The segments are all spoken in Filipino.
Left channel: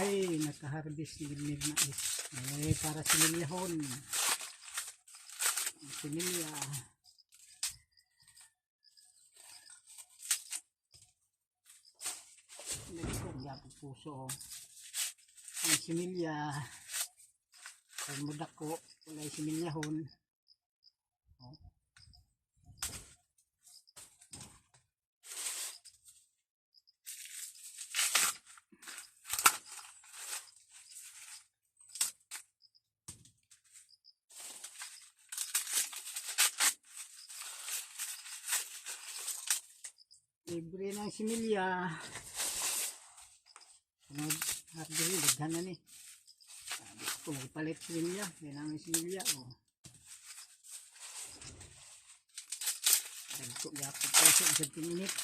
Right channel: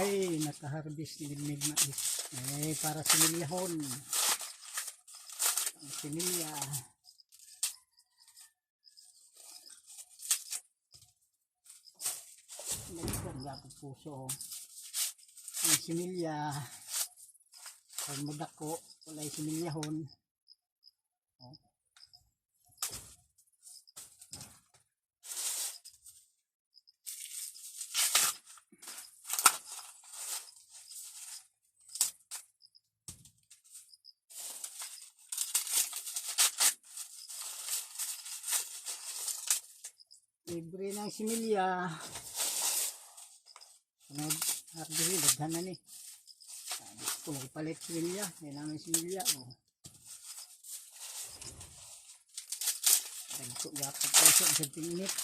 ay nakaharvest ni Midmid mais. Ay para similyahon. Ang similya. Nagkagapag puso. Ang similya. Ang madako. Walay similyahon. Oh. Libre ng similya. Sunod, harbi, daghan na ni. Kung magpalit similya, may namin similya. Oh. Dagko, gapag puso, sa tinit.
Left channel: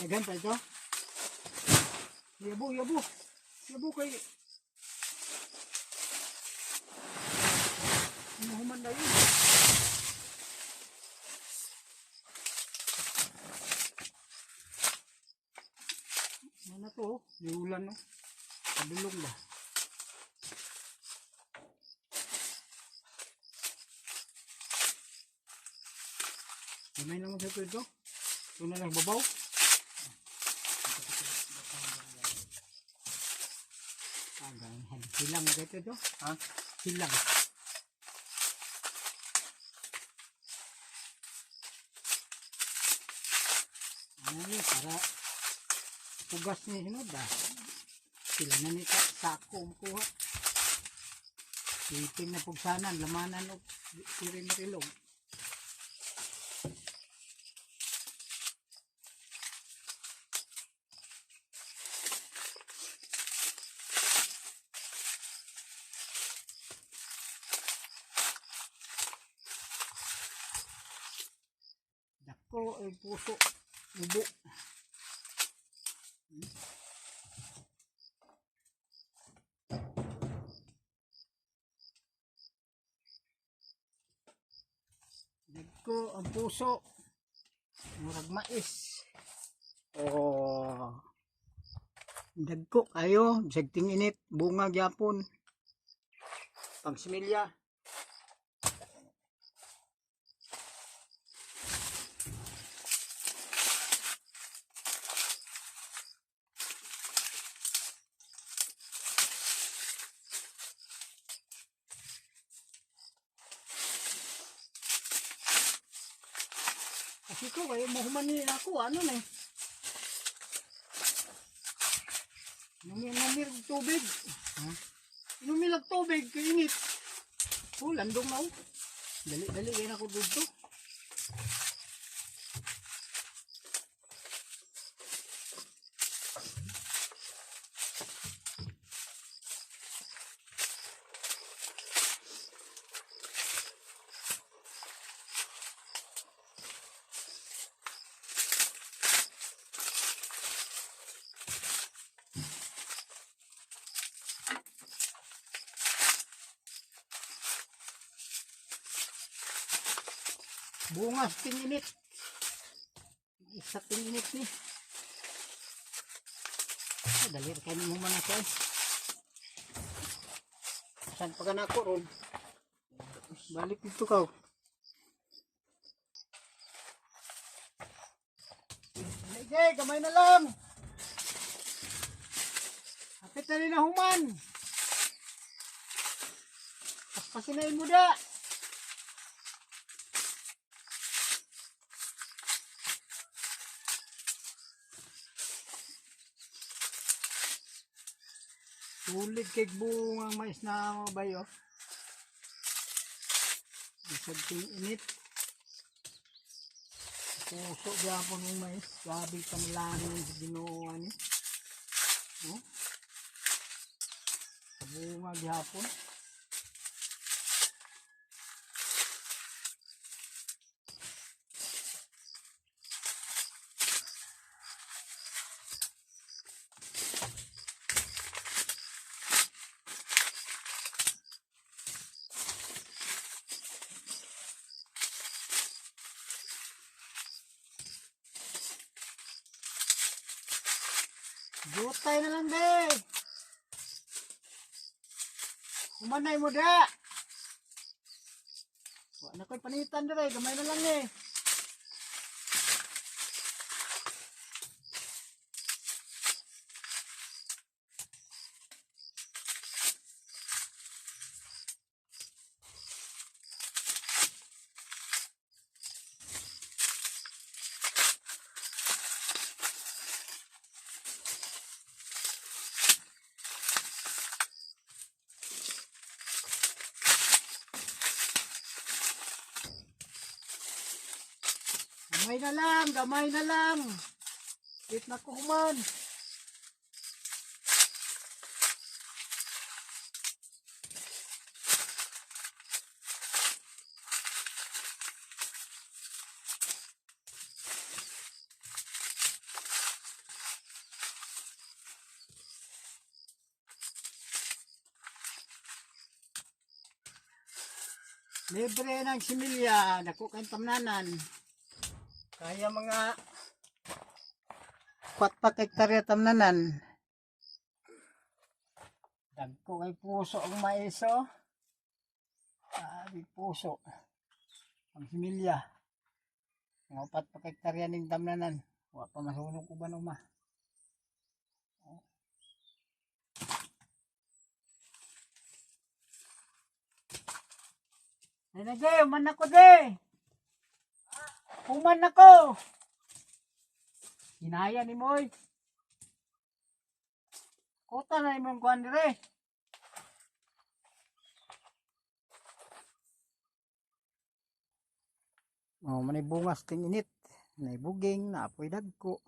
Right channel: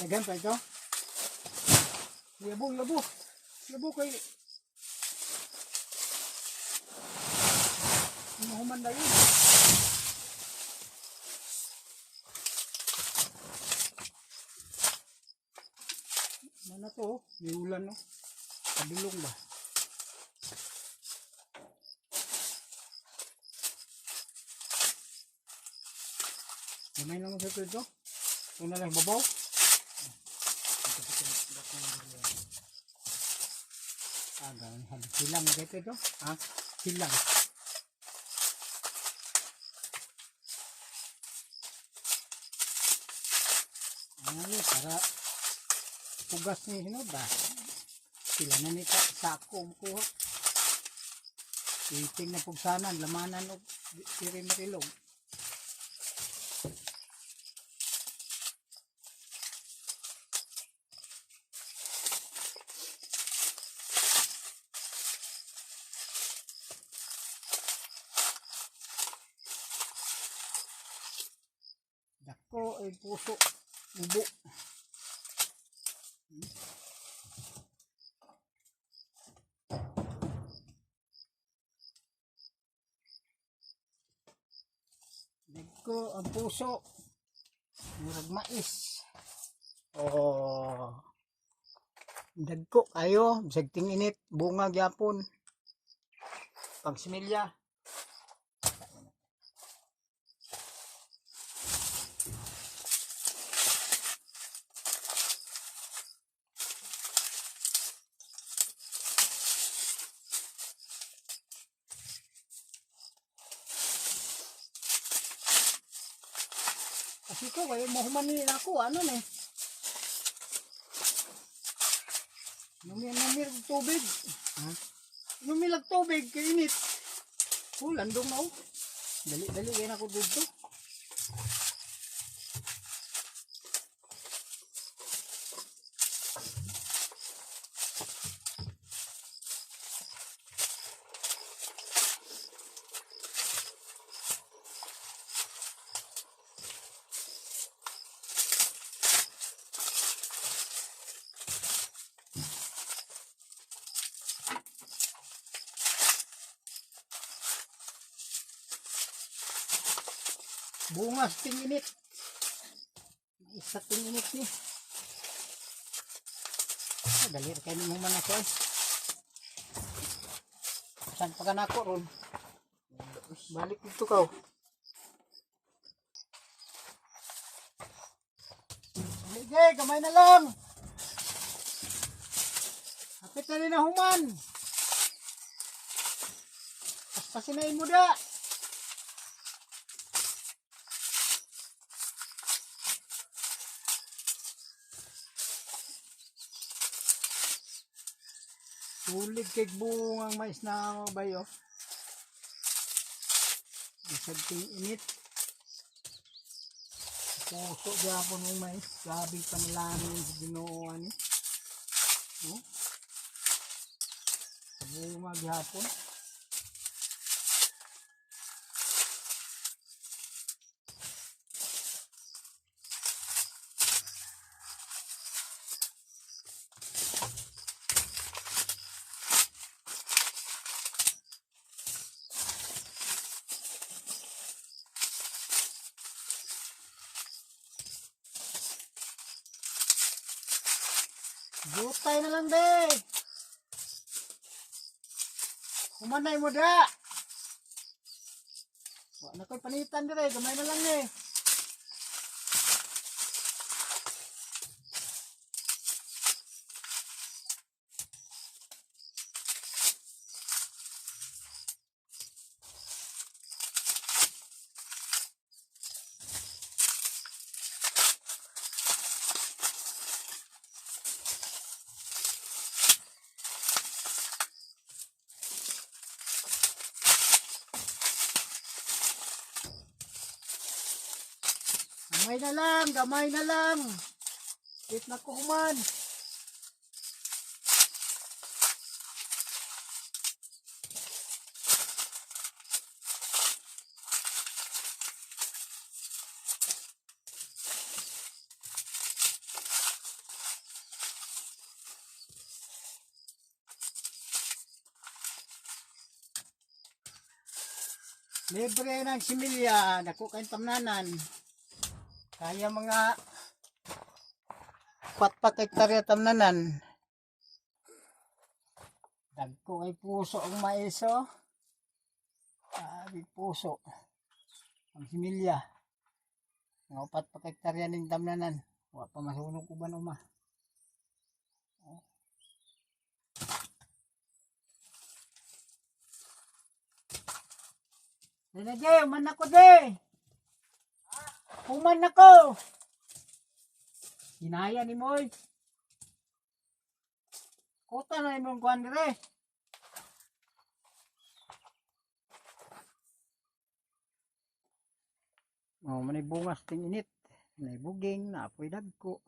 Dagan pa ito. Yabo, yabo. Yabo kay mahuman na yun. Mana to? Diulan no? Kadulong ba? Gamay naman sa ito. Ito na lang babaw. Hilang dito ito. Ha? Hilang. Ano para pugas ni hinod ba? Sila na ni sako makuha. Iting na pugsanan, lamanan o sirin na kilog. Dako ay puso, ubo. Dako ang puso, murag mais. Oh, dagko kayo, bisag tinginit, bunga gyapon. Pagsimilya. Kasi ko kaya mahumanin ako, ano na eh. Inumilag tubig. Inumilag tubig, kainit. Oh, landong na oh. Dali-dali kayo na ako dito. Bungas tinginit. Isa tinginit ni. Dali kayo mo man ako eh. Saan pa ka na ako ron? Balik dito ka. Sige, kamay na lang. Hapit na rin na human. Paspasinayin mo da. Sulit kay bungang mais na bayo. Isag ting init. Puso gyapon ng mais. Grabe panalangin sa Ginoo ani. Oh. Sa bunga gyapon. Gutay na lang be. Humanay mo da. Wa na koy panitan dire, gamay na lang eh. Gamay na lang, gamay na lang. Wait na ko human. Libre ng similya, dako kayong tamnanan. Kaya mga 4 hektarya tamnanan. Dagko kay puso ang maiso. Sabi puso. Ang similya. Mga 4 hektarya ning tamnanan. Wa pa masunog ko ba ma? Dina jay, man ako de. Human ako. Hinaya ni Moy. Kota na imong kuan dire. Oh, manay bungas ting init. Nay buging na apoy dagko.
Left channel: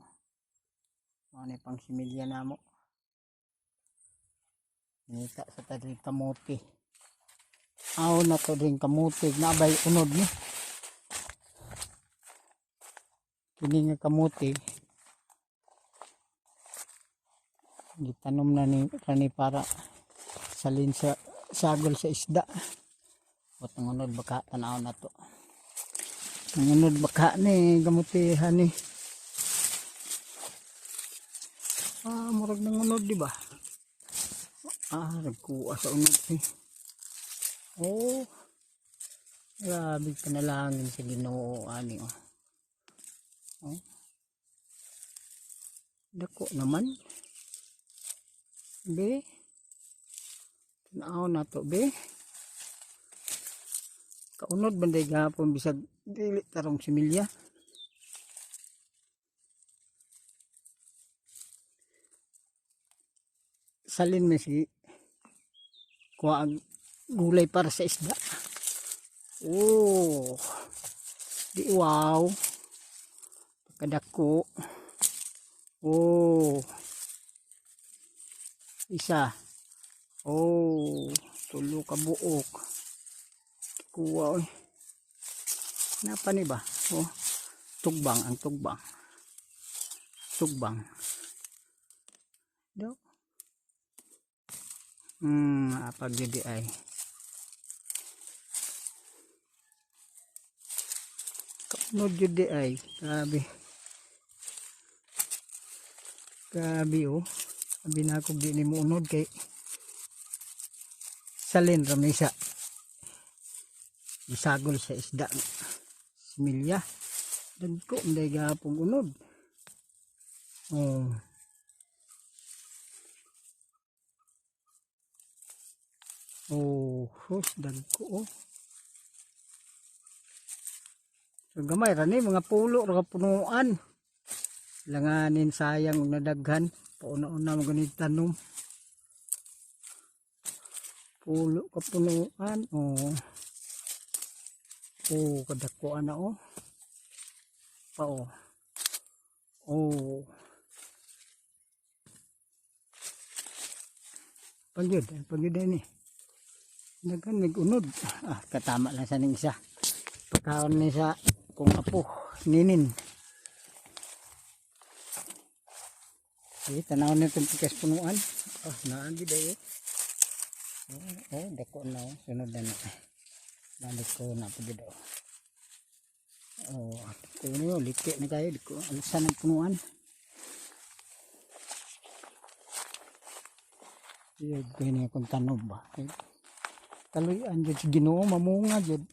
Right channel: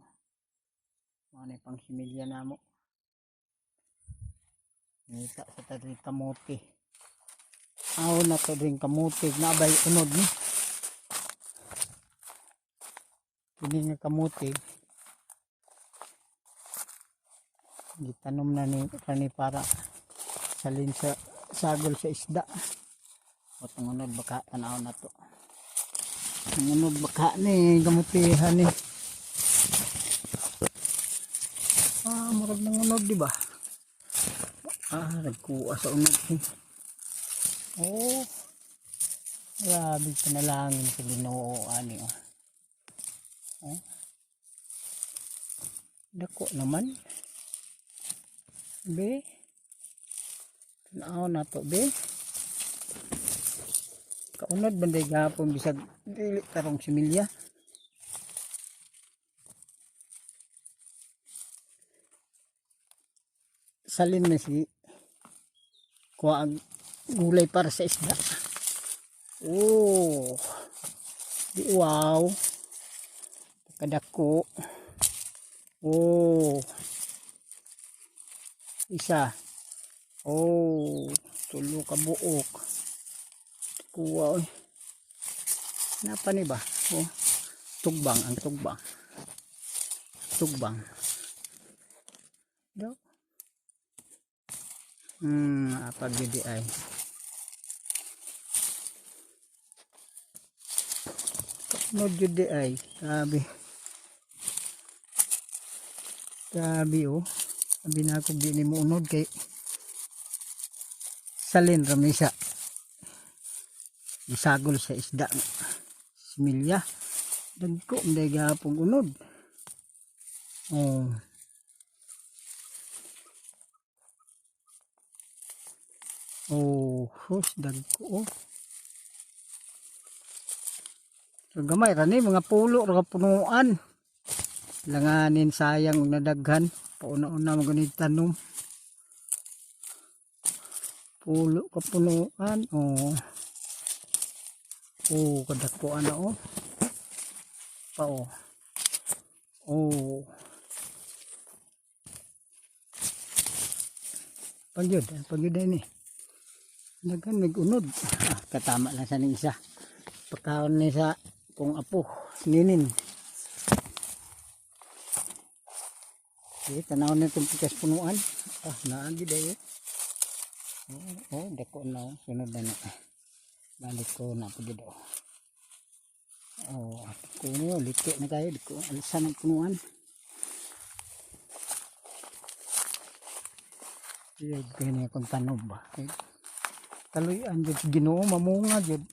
Manay pang similya namo. Nita sa tadring kamote. Aw na to dring kamote na bay unod ni. Kini nga kamote. Gitanom na ni para salin sa sagol sa isda. At ngunod baka tanaw na to. Ngunod baka ni gamutihan ni. Murag na ngunod di ba? Nagkuha sa unod ni. Oh. Grabe panalangin sa Ginoo ani oh. Oh. Dako naman. Be. Tanaw na to be. Kaunod banday gapon bisag dili tarong similya. Salin na si kuha ang gulay para sa isda. Oh. Di wow. Pagkadako. Oh. Isa. Oh. Tulo ka buok. Kuha oy. Napa ni ba? Oh. Tugbang ang tugbang. Tugbang. Do. Apa gede ay. No gede ay. Grabe oh. Sabi na ako di ni mo unod kay salin ramisa. Isagol sa isda. Similya. Dagko nday gapong unod. Oh. Oh, dagko oh. Gamay ra ni mga pulo ra punuan. Langanin sayang og nadaghan. Pauna-una mo ganit tanom. Pulo kapunuan. Oh. Oh, kadakuan na oh. Pa oh. Oh. Pagyod ini. Dagan nag-unod. Katama lang sa ning isa. Pagkaon ni sa kung apo, ninin. Tanaw na itong pikas punuan. Naagi dayo. Dako na oh. Sunod na na. Balik ko na po dito. Ko niyo, liko na kayo. Diko alasan ng punuan. Iyad ko niya kung tanog ba. Kaluyan dyan sa Ginoo, mamunga dyan.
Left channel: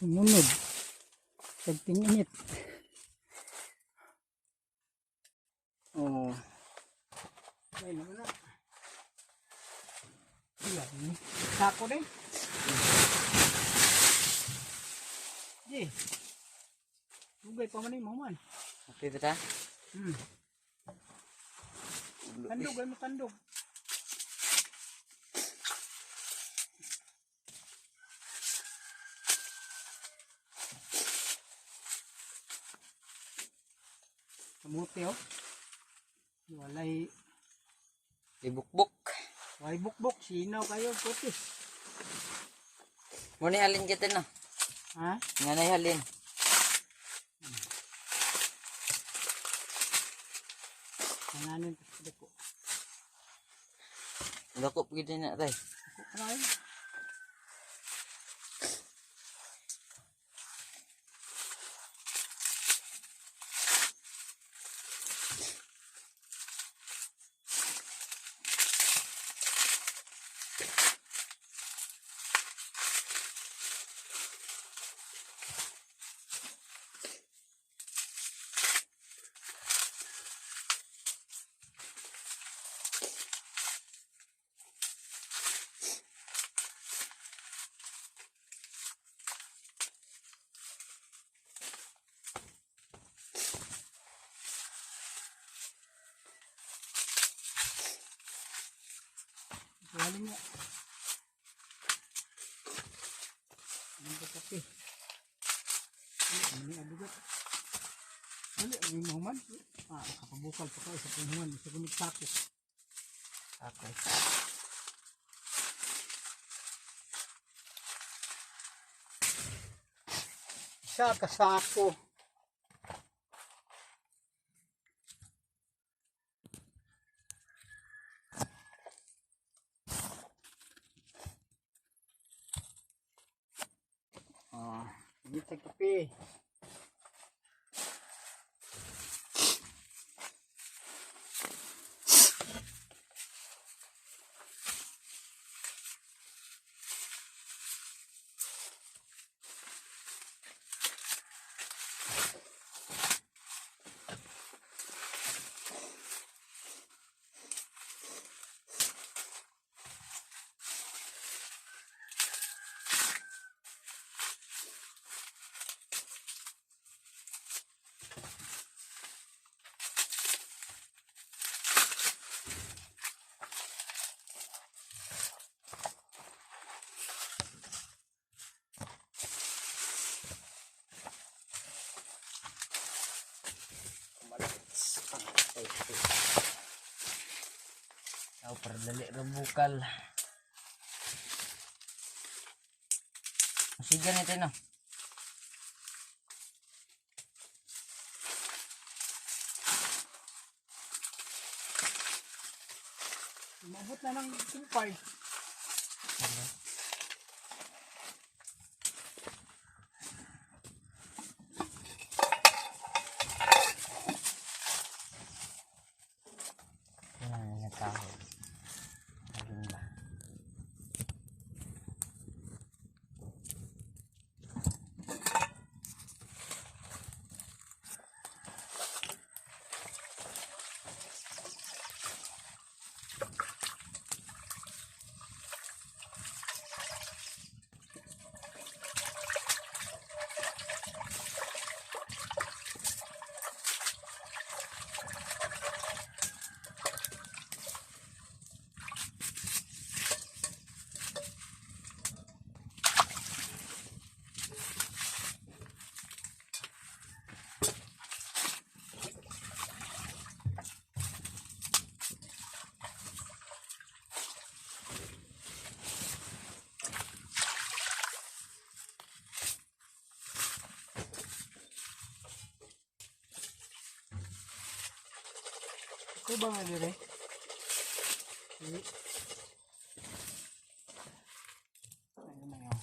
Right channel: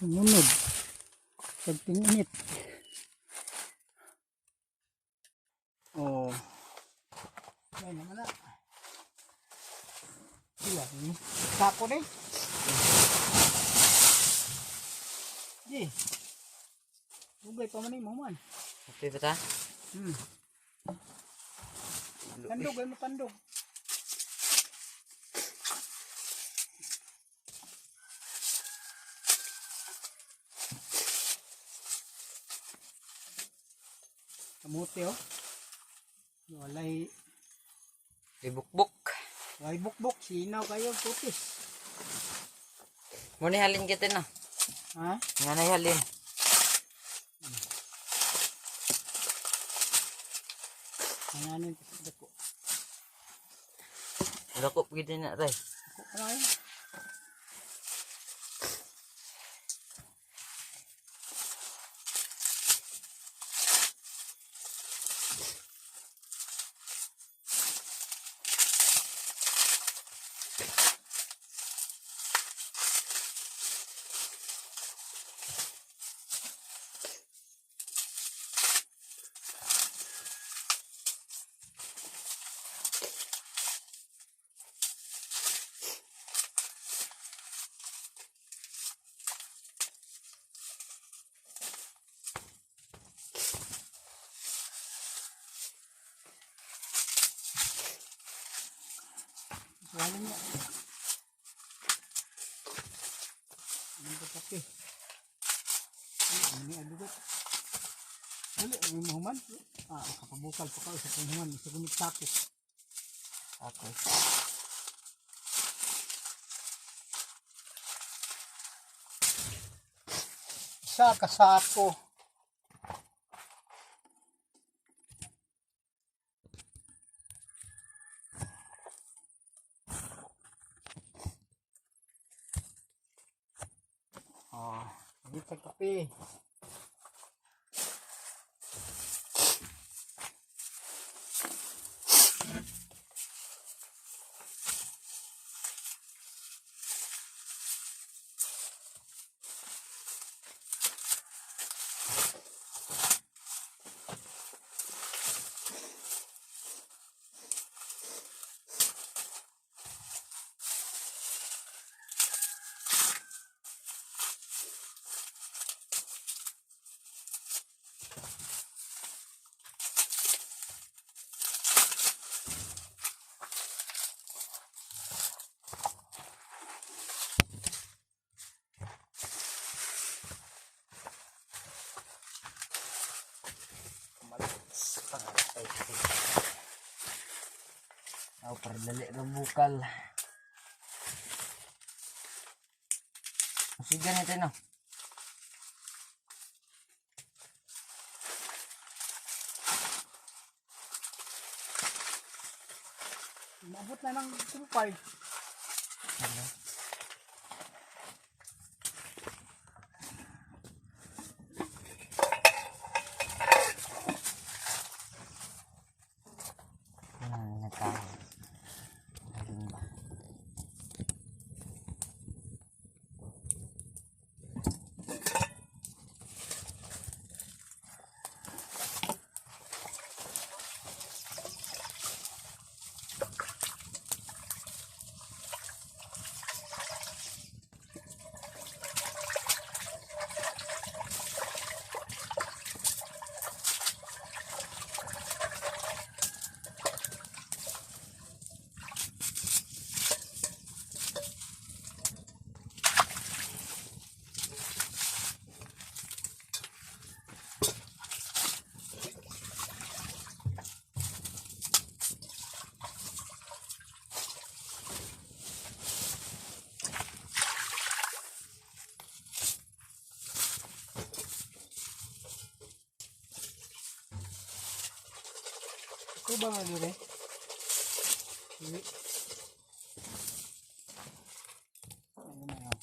Sumunod. Pagtinginit. Ay naman na. Iyan. Sako din. Dugay pa man yung maman. Okay ba ta? Tandog ay mo tandog. Kamuti oh. Walay Ibukbuk. bukbok. Sinaw kayo putis. Muna halin kita no. Ha? Nga halin. Nanganin sa dako. Lakop gitu na tay. Ano Waling niya. Ano ba kape? Ano yung adugot? Ano yung mahuman? Kapabukal pa kayo sa panghingan. Sa gunit sako. Okay. Isa kasako. Ini kape. Perdali bukal. Masigan ito no. Mabot na ng kumpay. Natawa. Halin ba? Ko ba nga dire? Hindi. Ano na yun?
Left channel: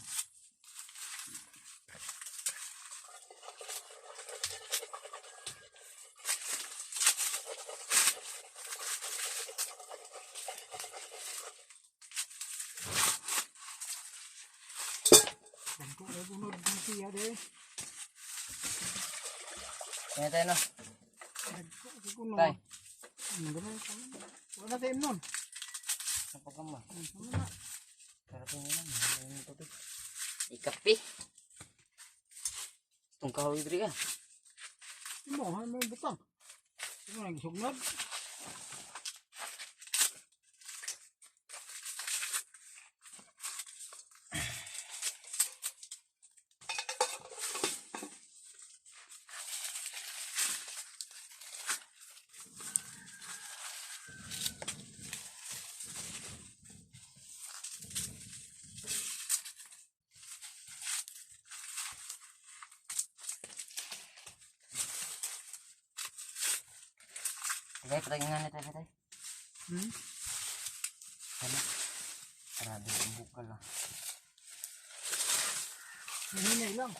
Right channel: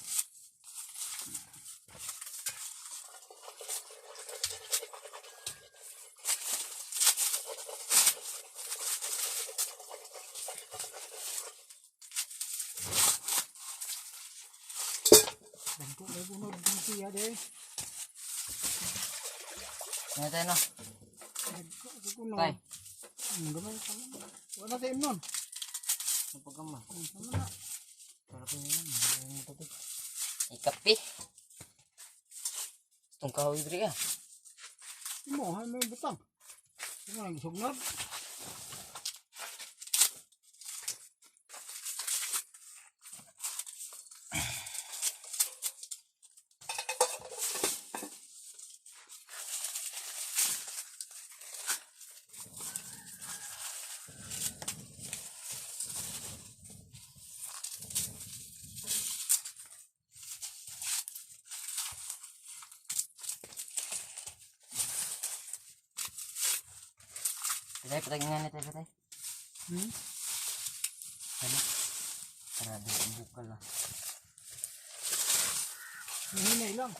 Dagko ay bunod ng siya de. Ngayon tayo no. Dagko ay bunod. Tay. Gamay ka man. Wala tayo nun. Napagama. Sama na. Sarap yun lang. Mayroon ng tubig. Ikapi. Itong kahoy diri ah. Imo, hay may butang. Imo nang sugnod. Patay, patay nga nito, patay. Hmm? Ano? Sarado ang bukal ah. Hinay lang.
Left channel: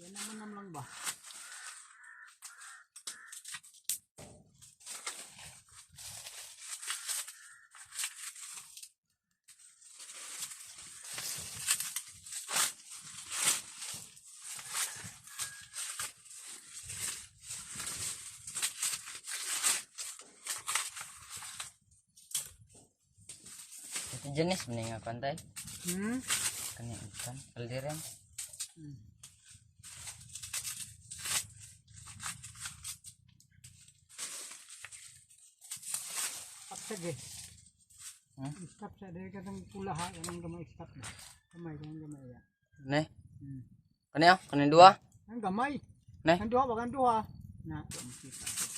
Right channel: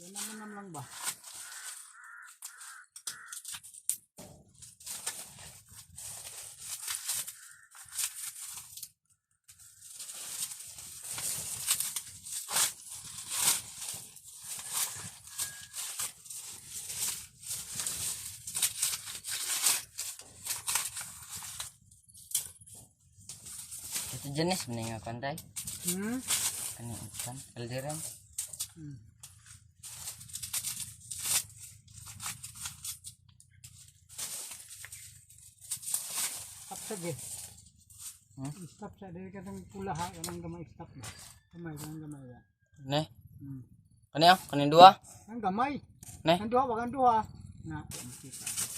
Yan naman lang ba? Ito jenis mending nga pantai. Hmm? Kani ikan, kalderan. Hmm. Stop sa ge. Hmm? Stop sa dahil katong pula ha. Kanang gamay stop na. Gamay, kanang gamay ya. Ne? Hmm. Kani ah, kani dua. Ang gamay. Ne? Ang duha, wag ang duha. Na, kita.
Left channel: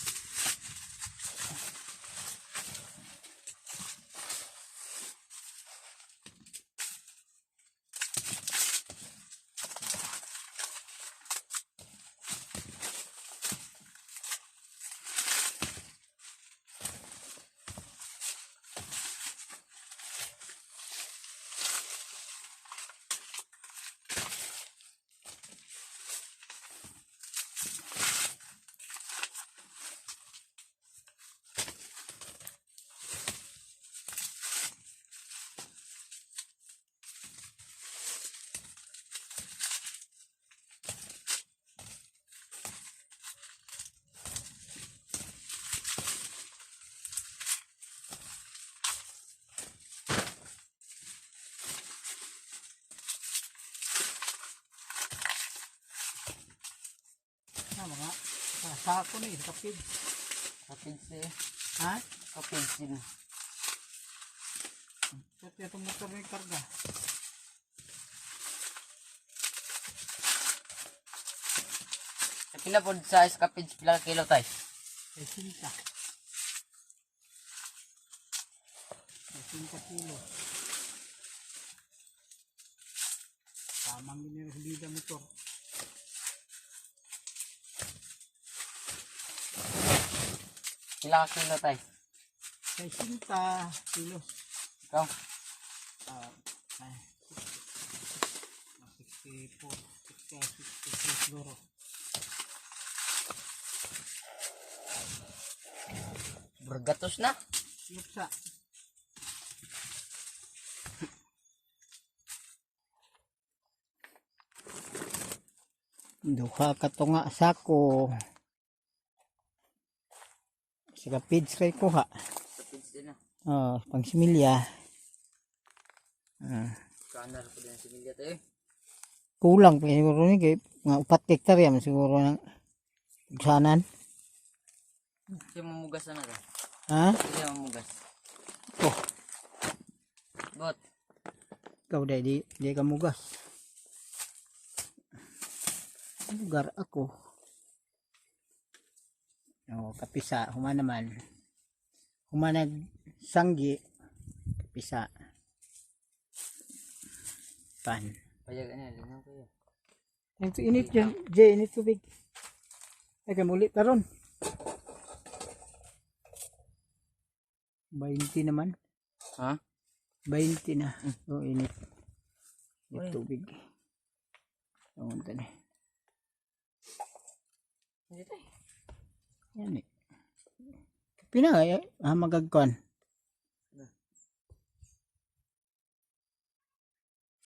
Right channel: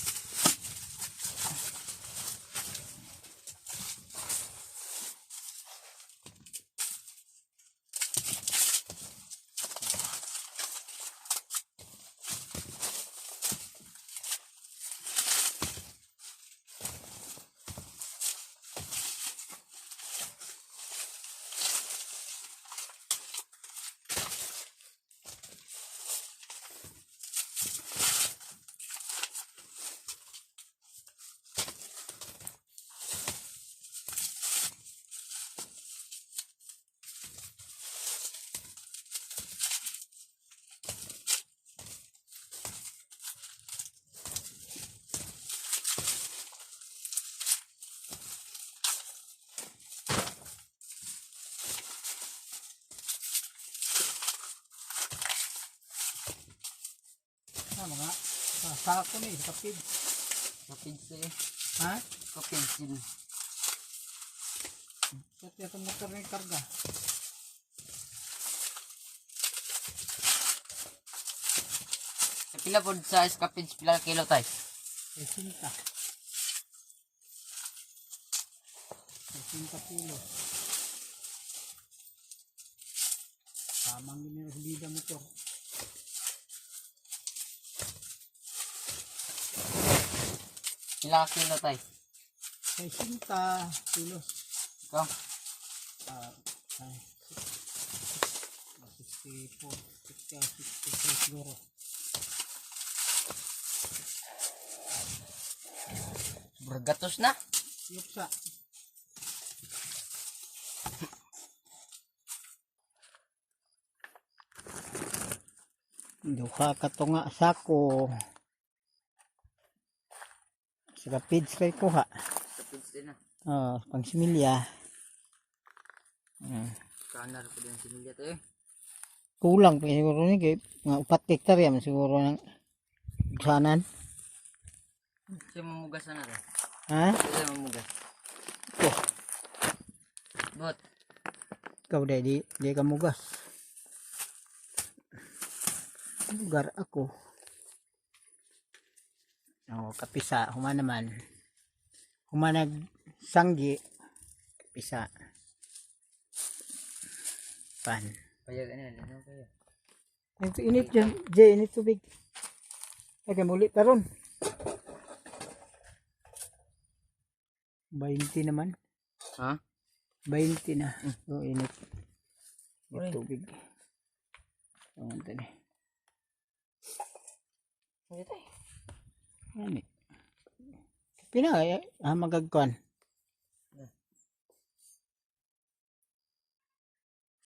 Na mga sako ni kapid. Kapig si. Ha? Kapig sin. Ito itong motor na yung karga. Sa pila po sa kapig, pila ka kilo tay. Ay sinta. Ay sinta kilo. Tamang ginira sa bida motor. Pila ka kilo tay. Ay sinta kilo. Ikaw. Ay 64, 63 siguro. Bergatos na. Yupsa. Duha ka to nga sako. Sa kapids kay kuha. Kapig sin na. Pang similya. Kanar po din si Milya tayo. Kulang pa siguro ni kay nga 4 hektarya man siguro ng sanan. Siya mamugas na to. Ha? Siya mamugas. Oh, Bot. ikaw di ka mugas. Lugar ako. Kapisa, huma naman. Humanag sanggi, kapisa. Pan. Payagan na, linaw kayo. Ito init dyan, Jay, init tubig. Ay, kamulit taron. 20 naman. Ha? 20 na. So, init. Uy. Yung tubig. Tawag na. Hindi tayo. Yan eh. Pinay, magagkuhan.